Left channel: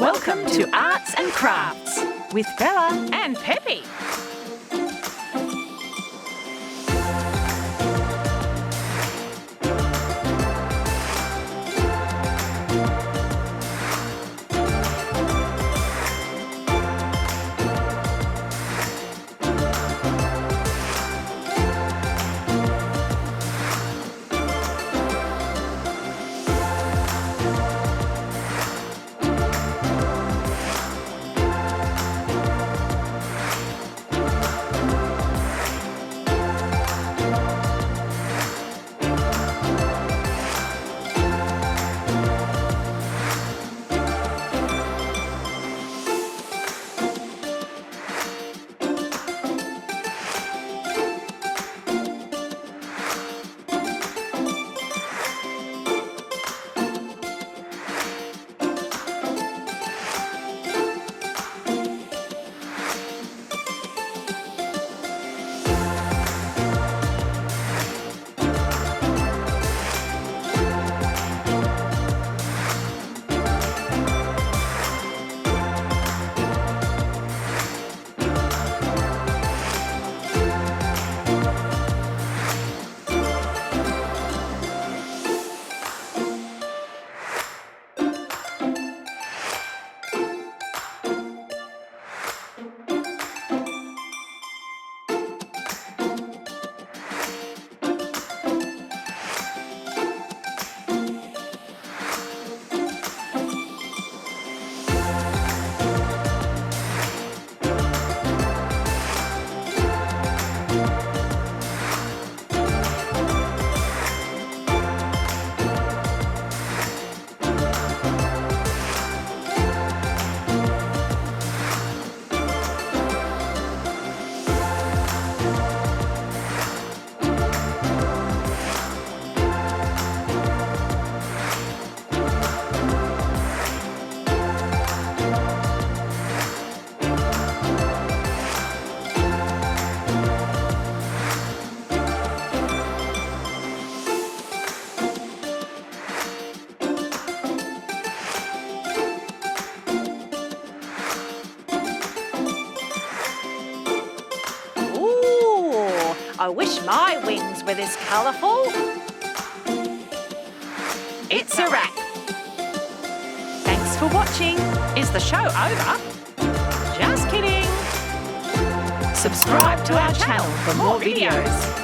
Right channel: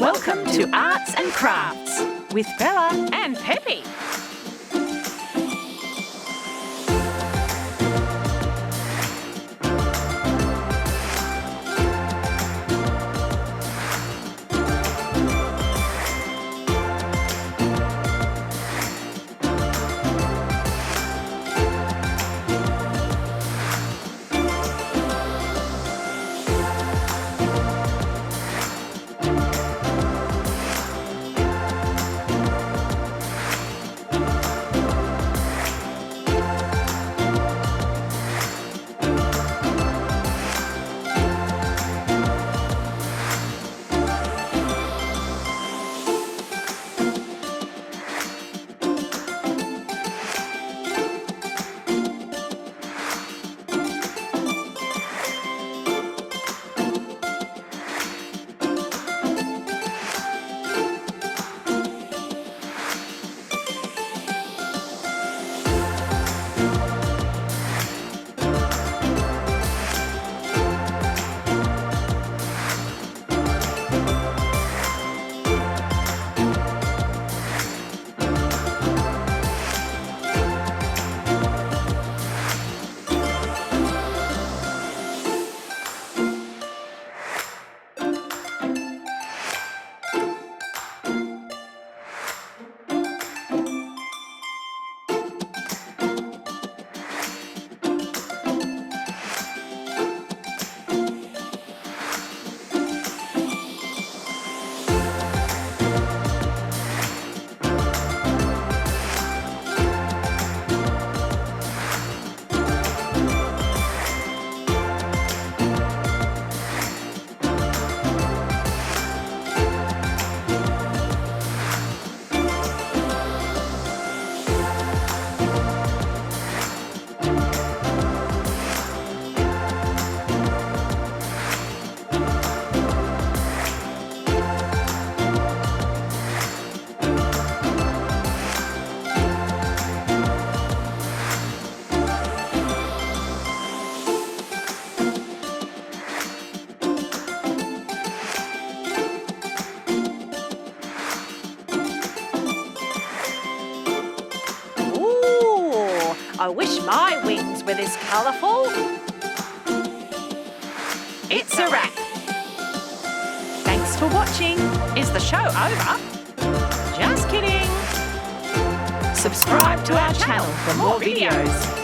Welcome to Arts and Crafts with Bella and Pepe. I wish my wings were this colourful. It's a wrap. Thanks for watching. Is the show over? Just kidding. Subscribe to our channel for more videos.